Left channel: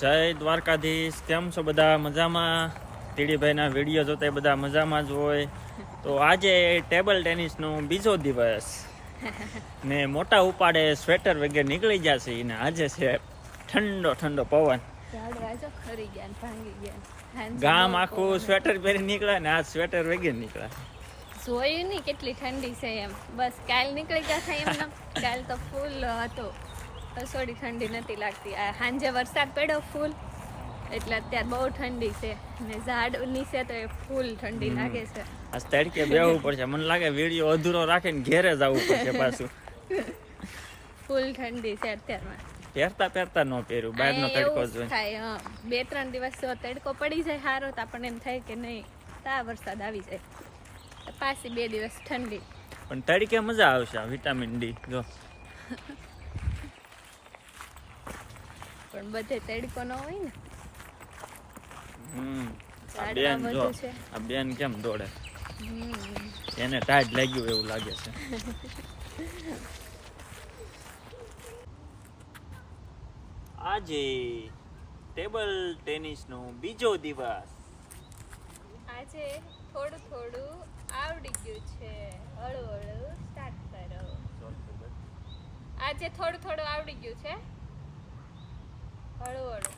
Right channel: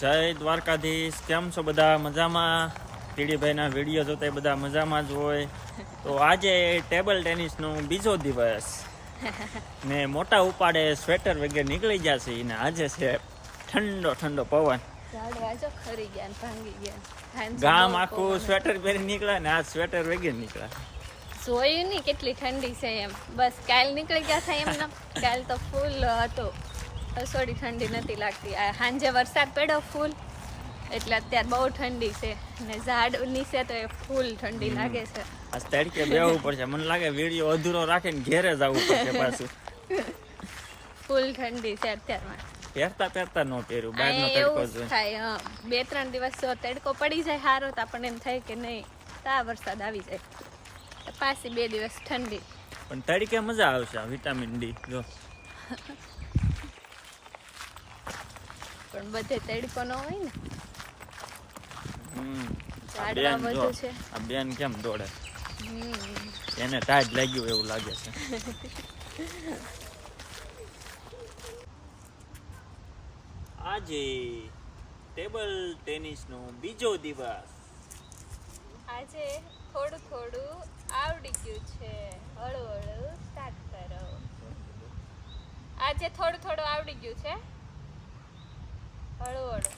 જય દ્વારકાધીશ. કેમ છો બધા? મજામાં? ટીડીભાઈના વિડીયો જોતા બધા મજામાં જ હોય. તો આજે ટેબલ ટેનિસનો બીજો દિવસ ને મોટા ઉપાડે સ્વેટર વગેરે નીકળી જશે ને આજે છે ઠંડો ઠંડો પવન. ગામ આખું સ્વેટર પહેરી નીકળ્યા ને આ સ્વેટર વગેરે નીકળ્યા. જોઈ ની કેટલી ઠંડી છે એમ. બસ કાલ નીકળી ગયા હતા એમ. કાલ તો ફૂલ હતો, થોડી ઠંડી નથી લાગતી. આ સાંજે વરસાદ પડ્યો ફૂલ એટલે અત્યારે બહુ ઠંડી છે ને ઝાડ નીચે તો એ ફૂલ ઠંડી લાગે છે. આ તડકે બેહવું પડશે. મને લાગે વિડીયો અધૂરો રાખીને ઘેરે જવું પડશે પાછું. ફૂલ ઠંડી છે અત્યારમાં. પહેરતા ન પહેર્યું, બહારનો તડકો થાય. 2-3 દિવસ જો તડકો પડી જાય સારો તો આપણને એમ થાય કે નહીં તા વરસાદ આવી જાય, પાછી 2 દિવસ ઠંડી. પણ તડકે મજા આવશે. વિટામિન ડી જો પણ બધે તડકો ન હોય ને. આ બેન જો, આ બેન કેમ દોડે, એને ટાઈટ લાગ્યું એવું લાગે છે. આજે ટેબલ ટેનિસનો બીજો દિવસ. આજે થોડું થોડું આવડી ગયું છે, હળવું હળવું સ્ટાર્ટ કરો. આજે થોડું થોડું આવડી ગયું છે, હળવું હળવું.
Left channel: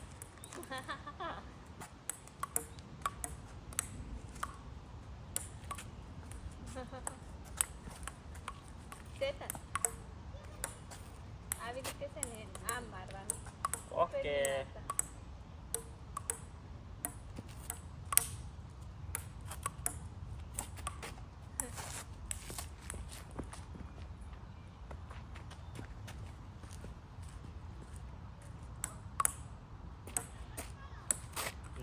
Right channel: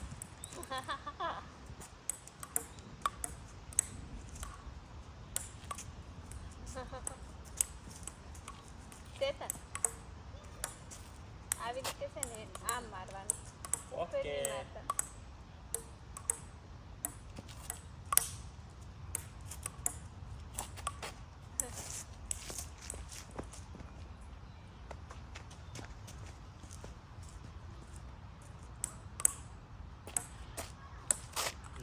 આવી રીતે છે ને આમ મારવાનું. ઓકે.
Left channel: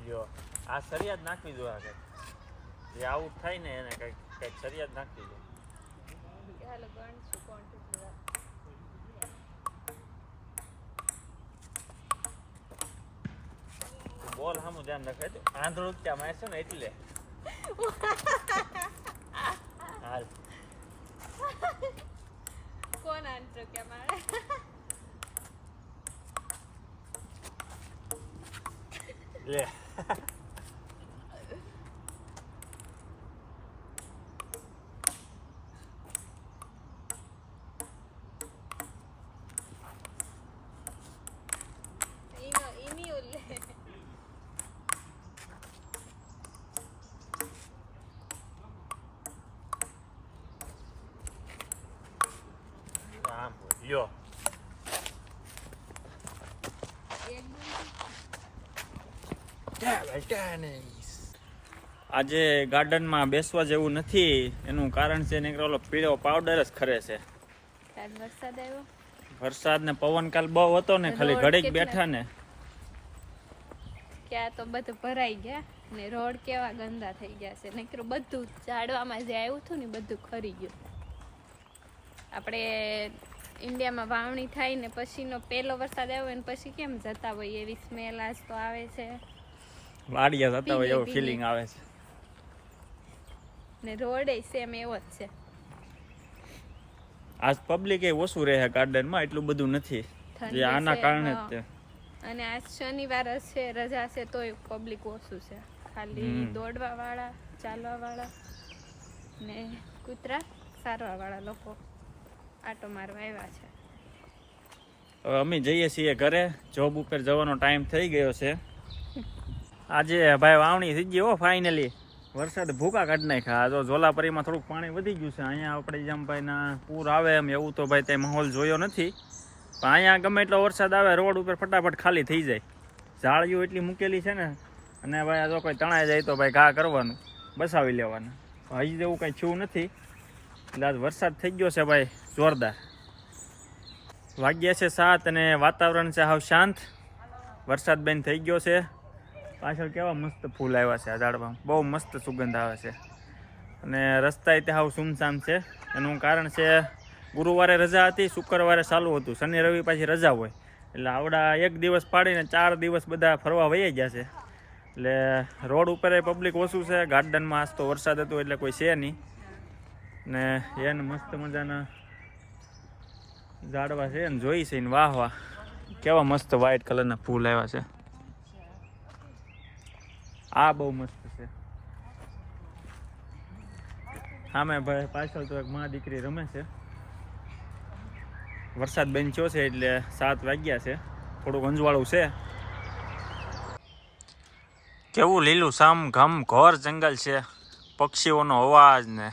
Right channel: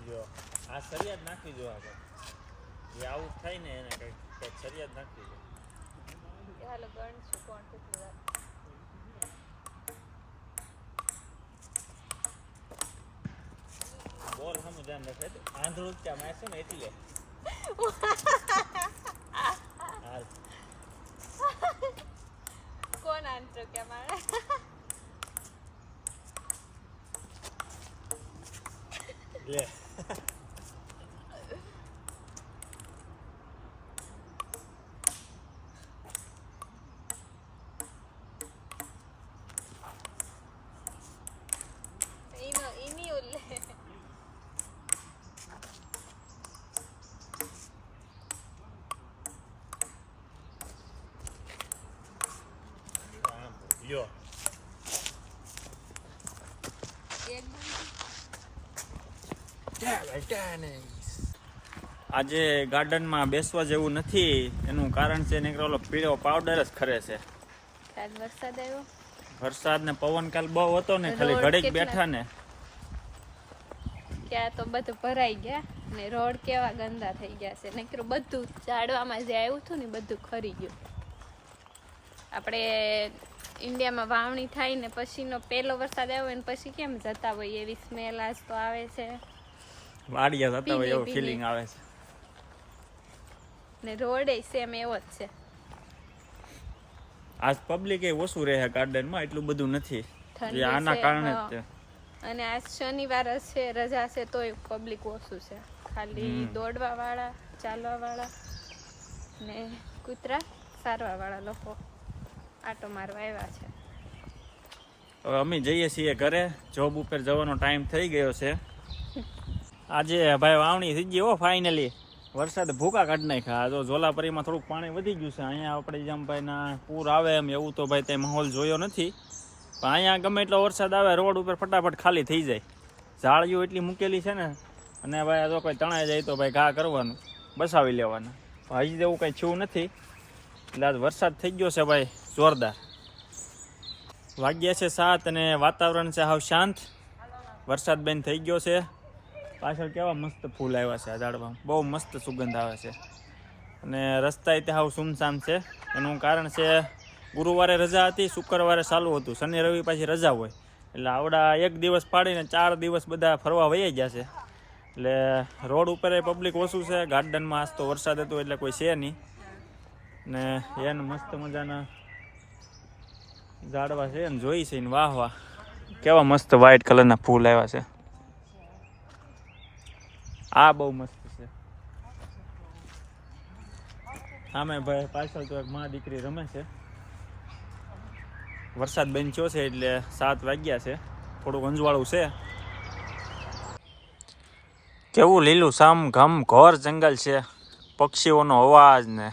જો આ સરિયાદ નાખવી જોઈએ આગળ. જે આઉટ થાય ને એને કઈક સરિયાદ નાખવી જોઈએ. ચાલો ગણશું કોણ કેટલી વાર. બોલ સામું ધ્યાન રાખે. આંધળું ત્યાં મારશે ને એટલે હાલ. કોણ આંતરો કે મારે લે. લ્યો આજે ગાર્ડનમાં બેસવા જેવું નથી. એનું કારણ છે ને ઓલો પીળો પાવડર જ ખરે છે. વરસાદ આવ્યો, વરસાદ ને પવન કાલ બહુ હતો ને, ખાલી ઘડીક બેઠા ને ત્યાં તો બધું ભરાઈ ગયા ને રોડ કેવા ગંદા થઈ ગયા છે. નકરું બધું ઝાડવામાં જે આવ્યું હતું ને બધું ખરી ગયું. આપણે ઇન્ડિયામાં વાવણી થાય ને પછીનો પહેલો વરસાદ આવ્યો ને પછી કેમ જતા હોય એવી સ્મેલ આજ તો આવે છે. વાડિયા જતા હોય એવું ફીલિંગ આવે છે. ને રોડ એ સેમ એવો જ છે. આજ પબ્લિક એ ઓછું રહે ગાર્ડનમાં, એટલું બધું નથી. જે આના કારણે જ છે. અને આજ શનિવાર છે, રજા છે, તોય પબ્લિક ઓછું છે. ખાલી દોડવા વાળા, ચાલવા વાળા ને કૂતરા સારવા વાળા લોકો આટો મારવા આવ્યા છે. હવે અમે જઈએ છીએ ઘરે. જોબ ઉપર જવાનો ટાઈમ થઈ ગયો છે. આજે ભાઈ વાવણી થઈ ગઈ હો ફાઇનલી. વરસાદ ભૂકા કાઢી નાખ્યા. જો ઝોલાપરીમાં થોડુંક પાણી વધી ગયું છે. અહીંયા આપણે જેમ ભાઈના પૂર આવે એમ એવું તો ભાઈ ત્યાં માહોલ જોયો નથી. પણ અહીંયા ગમે એટલો વરસાદ આવે રોડ ઉપર ફટાફટ ખાલી થઈ જાય. ઝાડીઓ એટલી મૂકેલી છે ને. અને ભાઈ જો કોઈ તણાઈ જાય તો ભાઈ ઘા કરવાનું, બસાવી લેવાના. હજી જેવું કંઈ થયું નથી. એટલે આજ વરસાદ થઈ ગયો છે ભાઈ જોરદાર. વાગ્યા છે 7 અને વાતાવરણ છે હાવ શાંત. વરસાદ બંધ થઈ ગયો છે. પાછળ કેવા મસ્ત ફૂલ આવ્યા છે આ ઝાડમાં. બહુ મસ્ત સુગંધ આવે છે. અને રસ્તા તે હાવ સુમસામ છે. એનું કારણ છે ગુરુવારે રજા હતી, શુક્રવારે ચાલુ હતું, શનિ રવિ પાછી રજા હોય. એટલે આવડા 1 દિવસ પાડીને 4 દિવસ બધા ફરવા વહી ગયા છે. એટલે રોડ ઉપર પબ્લિક ઓછું છે. ગાર્ડનમાં આજ તો વરસાદ હતો એટલે કોઈ છે નહીં. ને એને મસ્ત મજાના ઝાડવા છે ને જોઈ છે ને વાહ વાહ કેવા મસ્ત વ્હાઈટ કલરના ફૂલ આવ્યા છે. આ બહુ મસ્ત છે. સામે ભાઈ પાછળ તો એક માં દીકરી રમે છે. વરસાદ બેન્ચ્યો છે એટલે 7 વાગ્યા છે. થોડુંક અંજવાળું છે. કેવું લીલું સામ ઘમ ઘોર જંગલ છે. પક્ષીઓનો અવાજ ને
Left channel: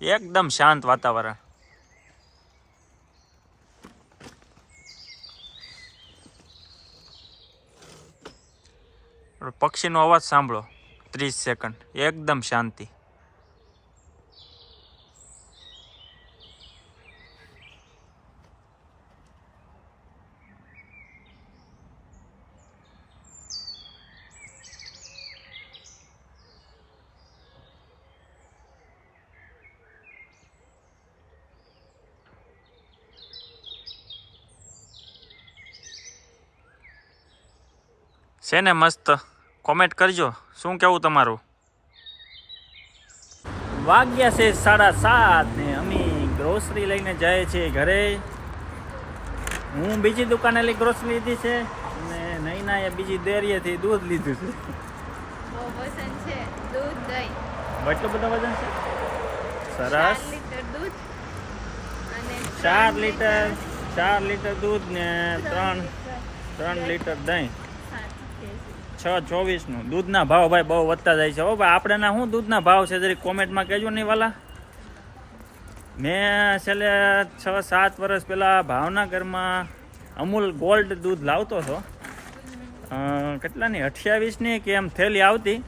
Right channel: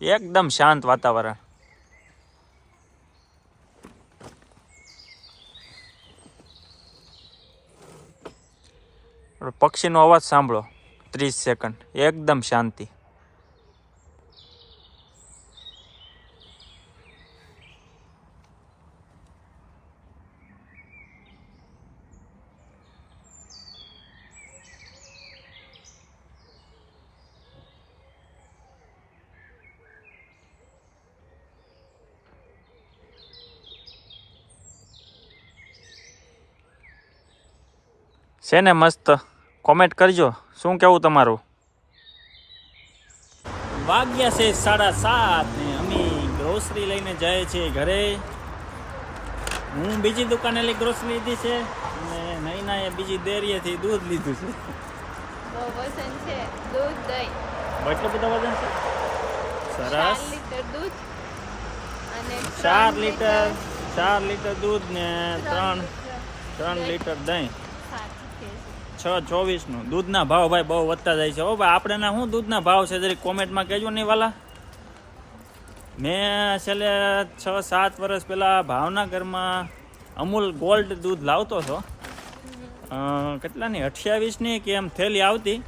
એકદમ શાંત વાતાવરણ. પક્ષીનો અવાજ સાંભળો 30 સેકન્ડ એકદમ શાંતિ. છે ને મસ્ત? કોમેન્ટ કરજો શું કેવું તમારું. વાગ્યા છે 7:30 ને અમે ગ્રોસરી લઈને જઈએ છીએ ઘરે. હું બીજી દુકાને લઈ ગ્રોસરી લીધી છે અને નૈનાએ બીજી ડેરીએથી દૂધ લીધું છે. બહુ વજન છે. દૂધ દહીં એટલું બધું વજન છે. સરસ. 4 લીટર દૂધ અને 4 લીટર દૂધ ને 3 લીટર દહીં. 6.24 નો દૂધના ભાવ ભાઈ બહુ વધતા જાય છે. હો ભાઈ આપણે ના શું દૂધના ભાવ છે જરી કોમેન્ટમાં કહેજો નહીં વાલા. મેં છેલ્લે 6-7 વર્ષ પહેલાં ભાવનગરમાં અમૂલ ગોલ્ડ દૂધ લાવતો હતો. કેટલાની 28ની કે એમ થેલી આવતી.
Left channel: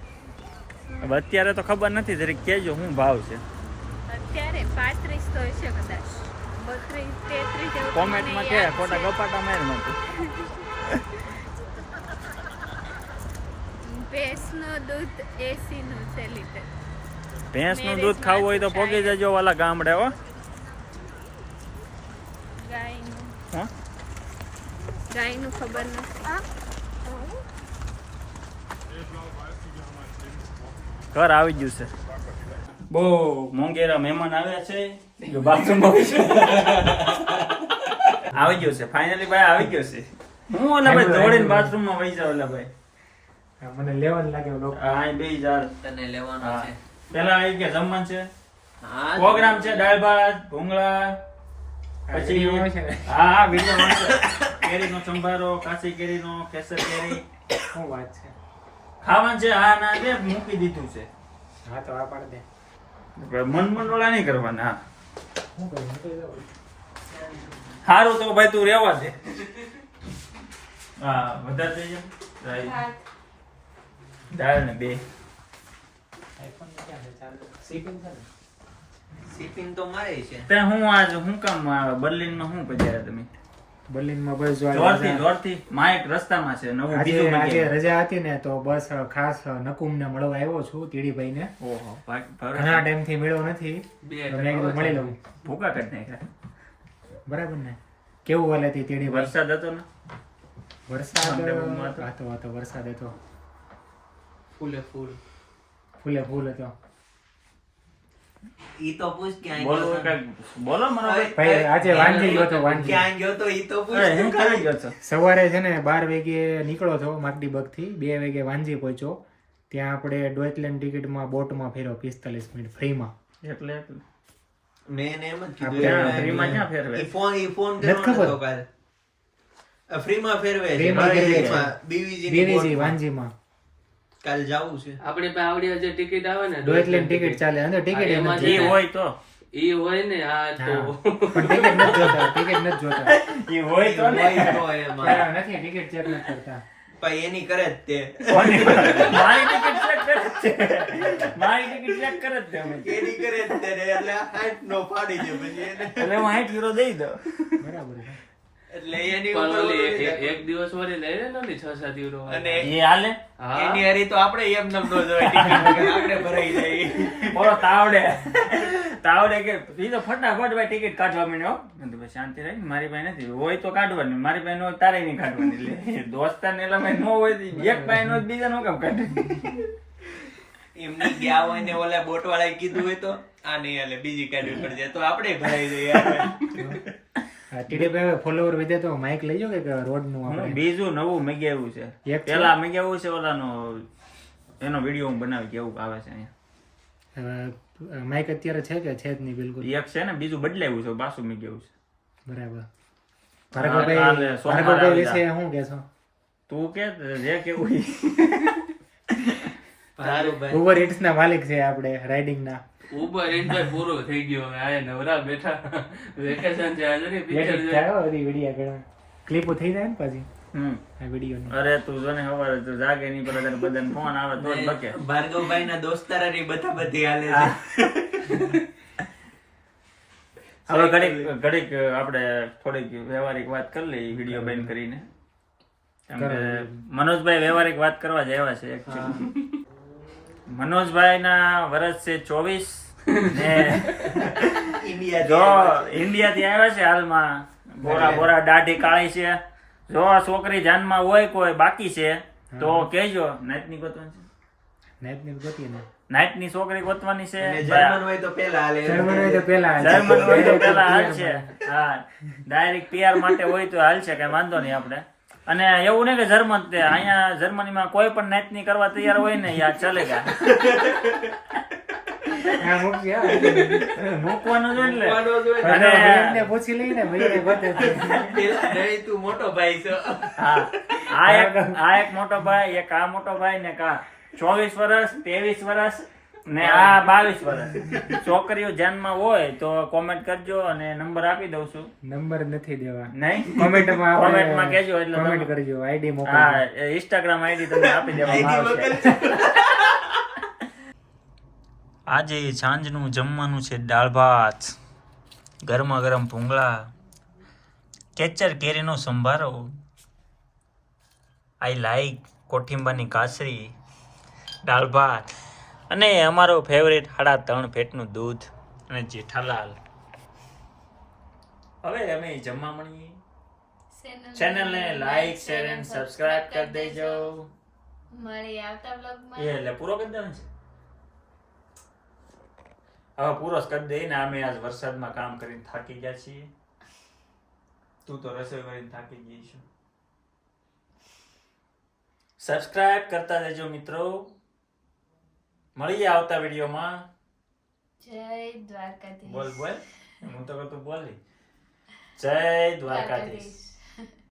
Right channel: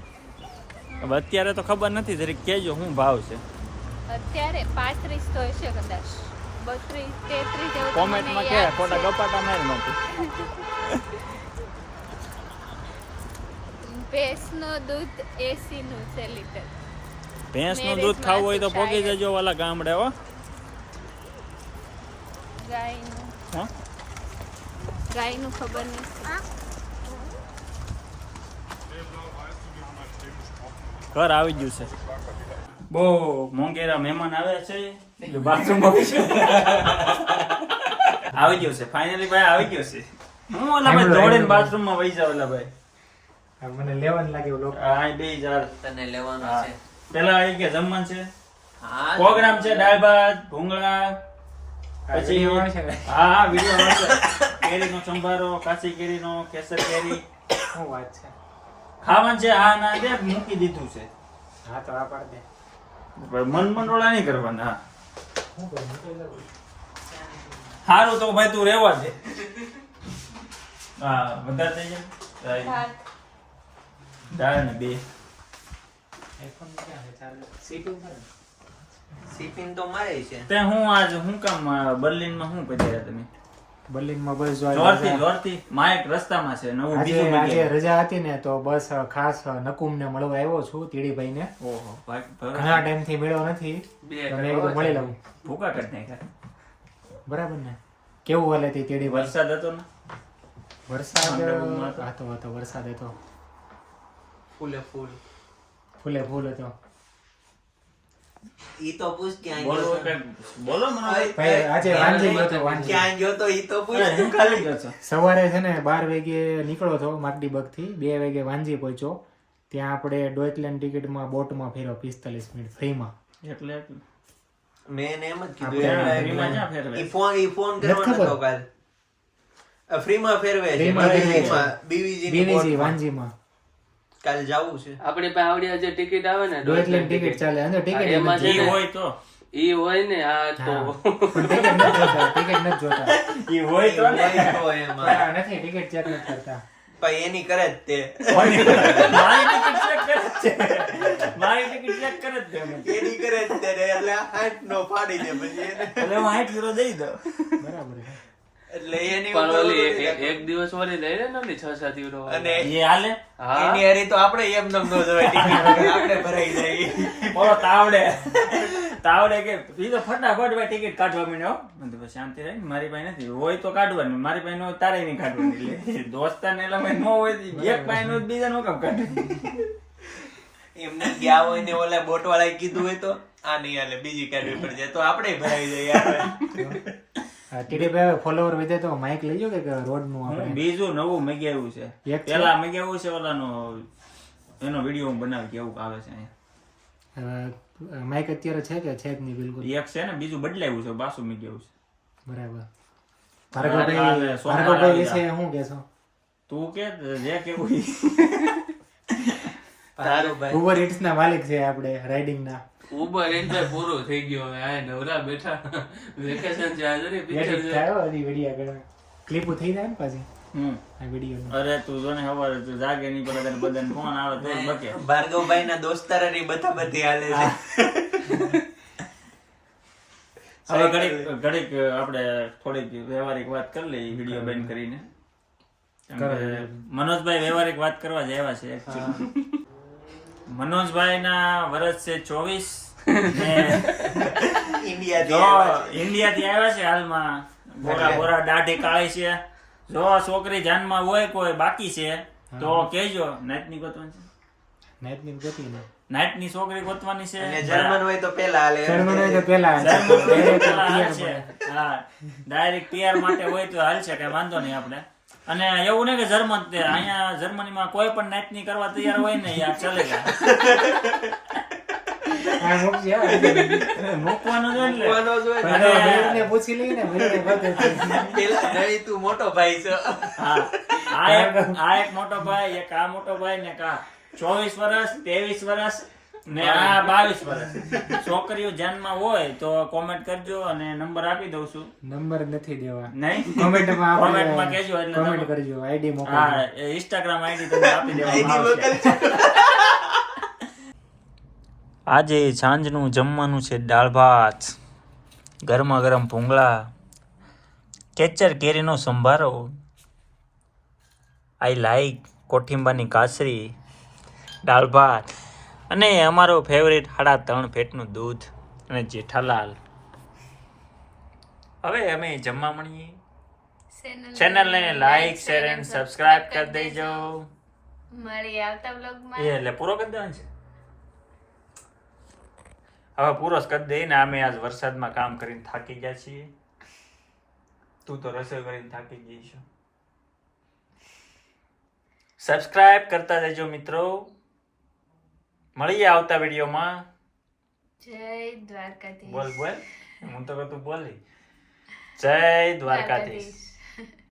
હવે અત્યારે તો ખબર નથી, જરી કહેજો શું ભાવ છે. અત્યારે 35 તો હશે કદાચ. 32 33 જેવું કોમેન્ટમાં કે ખોટા ગપાટા મારમાંથી. ભેંસનો દૂધ 80 નું છે લીટર. ભેંસનું દૂધ ખાવું હોય તો પોગી જજો વાલા ગામડે. હો ગાયનું ખબર નથી. ઘર આવી ગયું છે. બહુ મોંઘેરા મહેમાન આવ્યા છે. બાથરૂમ આવી ગયું છે ફાઇનલી ભાઈ આવી ગયો છે. હું ઓલા ભાઈ દોડીને બાથરૂમમાં વહી જાવ. ઓલા ભાઈ મને લેવાનું લાગ્યું લોકો. હા બે જાર તને લેવાનું છે. પેલા એ કે જમવાનું છે, હા પ્રોગ્રામ છે, દાળ ભાત ભૂંગળા, પછી હા વિડીયો આવશે. કેરીનો સંભારો, કાચી કેરીનો, કેસર કેરી શું વાત છે? ખાવાનું છે. હા ના દે મૂકી દીધું છે. હા તો આ પાડ દે. મન મંડોળા નહીં કરવાના. હા શું કરું? નીકળી જાઉં. સારું તો ભાઈ તું રહેવા દે. હા વધારે થઈ જાય. દાળ ને 2 આઈફોન ક્યાં છે? ચાલે સીટિંગ કરે. શિપિંગ તો મારે છે. તે હું આજ હું કામ બર્લિનમાં હું પધાર્યા તમે? બર્લિનમાં બસ જો જોરથી માઇક રસ્તામાં છે. નવું બીજું આજે મગેલું. રજા હતી ને તો બસ ખાસ નકુમને મળવા આવ્યો છું, તીડીભાઈને. ઓહો ઘણા ટાઈમથી મળ્યો નથી તો મેં કીધું મળી લઉં. ભૂકા કરી નાખ્યા. બરાબર ને? કેવું હાલે તી તીડીભાઈ? વરસાદ હતો ને? વરસાદ માંડવીમાં હતો. હતો વરસાદ હતો. ફૂલે ફૂલ. ફૂલે ફૂલ હતો. ઈ તો પૂછ ક્યાં બોલો ગયો તો. કાંઈક બોલો મને. ભાઈ આજે વાંજી ગયો હતો. વાંજી ક્યાં ગયો તો ઈ તો પૂછ. અરે, હું ખાલી ગયો છો. સવારે છે ને 12 વાગે નીકળો હતો માગડીબગ થી. 2 વાગે વાંજી પહોંચ્યો. ત્યાં આપણે ડોઇચલેન્ડ ટિકિટમાં બોટમાં ફેર્યો 45 મિનિટ ફ્રીમાં. એટલે મેં એને એમ જ આપણે કીધું ફ્રીમાં ક્યાં ફેરવે? ઈ ફોન નથી કરવાનો ખબર. હતો કાલ. ફ્રીમાં ફેરવે છે. ફ્રીમાં ફેરવે છે. બીવીજી બીવીજી વાંજીમાં કાલ જાવું છે. આપણી પાસે આવડી જે ટિકિટ આવે ને ડોઇચલેન્ડ ટિકિટ ચાલે. અંદર ટિકિટ હા, એમાં નથી. ઈ હોય તો ઈ હોય ને આ હા. તો પણ ટિકિટ નથી જોતા. ટિકિટ નથી જોતા. ઈ હોય તો ને. હોય તો એમાં. પેલા નથી ટિકિટ ચેક નથી કરતા. પણ એની કરે જ તે. મારી ટિકિટ ચેક કરે જ છે. મારી ટિકિટ ચેક કરે જ છે મને. એની કરે જ તે ને એટલે 8 નો પાડી દે પછી એને. એટલે હું 60 યુરો દઈ દઉં. બરાબર છે. એટલે એની પણ ઉપર ઓલી ઓલું એક દિવસ વળી લઈ લે ને 6-7 યુરો અને એ હાલે. હા એની હારી તો આપણે એમ નમ નો જોવાય ટિકિટ વગર આપણે ભરાઈ જાય. બોલો તાવડે કે ઈ તો ફટાફટ ભાઈ ટિકિટ કાઢવા માંડ્યો. મેં કીધું ભાઈ શાંતિ રહી ને, મારી પાસે નથી. હોય તો કાઢવાની, મારી પાસે ન હોય તારે નહીં કાઢવાની. એટલે દોસ્તાને એટલે ભાઈ ન હોય તો એક પાસે નો બીજા નો કામ કાઢે. એમને ગયા હોય ને ઓલા બોટ વાળાએ કીધું હોય તો આ નહીં હાલે બીજી કાઢવી પડી જાય તો આપણે ભરાઈ જઈએ. ટીડીભાઈ ફોલોવર વધે તો માઇક લઈ જાઓ કે રોડ નું હું આપણે. બીજું નવું મગાવ્યું છે. એક છે? પેલા મગાવ્યું છે ઓલાનો એનો વિડીયો હું બનાવી કેવું આવે છે અહીંયા. હવે માઇક અત્યારે છે કે છે જ નહીં બિલકુલ. એક છે ને બીજું બદલાવ્યું છે પાછું મેં કેવું છે. બરાબર. કાલે ભાર્ગવભાઈ સોમવારે ભાર્ગવભાઈ આવી વિશે શું કહેશો? તું કે જે કેવું ઈ. ઉબર ઇટ્સ ના માલિક છે આપણે રાઇડિંગ ના. ઉબર એન્જોય પૂરો થઈ ગયો હવે આ નવરા બેઠા વેકેશન છે આજે ને પિક્ચર છે વિડીયો કે ક્લિપ થઈ જાય ને પાછી આ વિડીયો. અરે તું જો ને સવારે તું જાગે નહીં પેલા તને બધાને ફોન આવે તો જ બકે. ભાર્ગવભાઈ ના દોસ્તારાની બધી હાલે છે. હવે ઘડીક આપણે થોડીક વ્યવહારિક વાત કરી લઈએ વિડીયો બંધ કરીને. કેમ કે મનોજભાઈ વ્યવહારિક વાત કરવા જ આવ્યા છે actually. મનોજભાઈ ના વર્ષ છે 24 ને જો ઇન્ડિયા થી આવ્યા છે હાલમાં. બોરા દાઢી કાળી છે. જો છોકરી જાનમાં હોય કોઈ બાકી છે તો કહેજો. નાઈટ ની ગોતવાની છે. નાઈટ ની ગતિ ને નાઈટ ની છોકરી ગોતવાની છે. જર્મન હોય તો પેલા હાલે. જર્મન હોય તો પહેલા જર્મન હોય તો પેલા હાલશે. હા ડાયરેક્ટ PR માટે હોય તો હાલશે, કઈ વાંધો નહીં આપણે. અને એવું નહીં કે જર્મન તે અહીંયા જર્મનીમાં કોઈ પણ નાઈટ ની કરવા તૈયાર હોય ને યાર ચલેગા. આ મૂકજે હો. મૂકવાનું જ એટલે. અને ભાઈને પૂછી લઈને ભાઈને ગોતે છે. પેલા નહીં, તું મોટો ભાઈ છે. હા આ એક મોટો ભાઈ, એક આ મોટો ભાઈ ને કા 24 વર્ષ 23 વર્ષ ને આ 22 વર્ષ. છોકરીઓ ધ્યાનમાં હોય તો કોમેન્ટ કરજો અને નંબર આપી દઉં છું. નંબર નથી દેવા. નહીં કોમેન્ટમાં કોમેન્ટમાં કહેજો એટલે કોમેન્ટ તમે- કરજો, આઈડી મોકલજો. હા ઇન્સ્ટાગ્રામ આઈડી તમને આપી દેવામાં આવશે. આજે સાંજનું જમવાનું છે દાળ ભાત, ગરમા ગરમ ભૂંગળા, કેચર કેરીનો સંભારો, આઈ લાઈક કોઠિંબાની કાસરી, દાળ ભાત અને અમારો ફેવરેટ 3.5 ફેટનું દૂધ અને જેઠાલાલ. હવે અમે જમવા મળીએ. ચેનલને લાઈક શેર એન્ડ સબસ્ક્રાઇબ કરી દેજો. મળી આવતા વ્લોગમાં. એ એટલે પૂરો કરી દેવાનો છે. હવે પૂરો જ કરી દઈએ ને. અમે આજ વરસાદમાં કામ કરીને થાકી ગયા છીએ. તું તો રસોઈ કરીને થાકી ગઈ છું. સબસ્ક્રાઇબ કરતા રહેજો મિત્રો. મળીએ આવતા વિડીયોમાં. જય દ્વારકાધીશ. બોલ હું તો તું બોલી. જય દ્વારકાધીશ.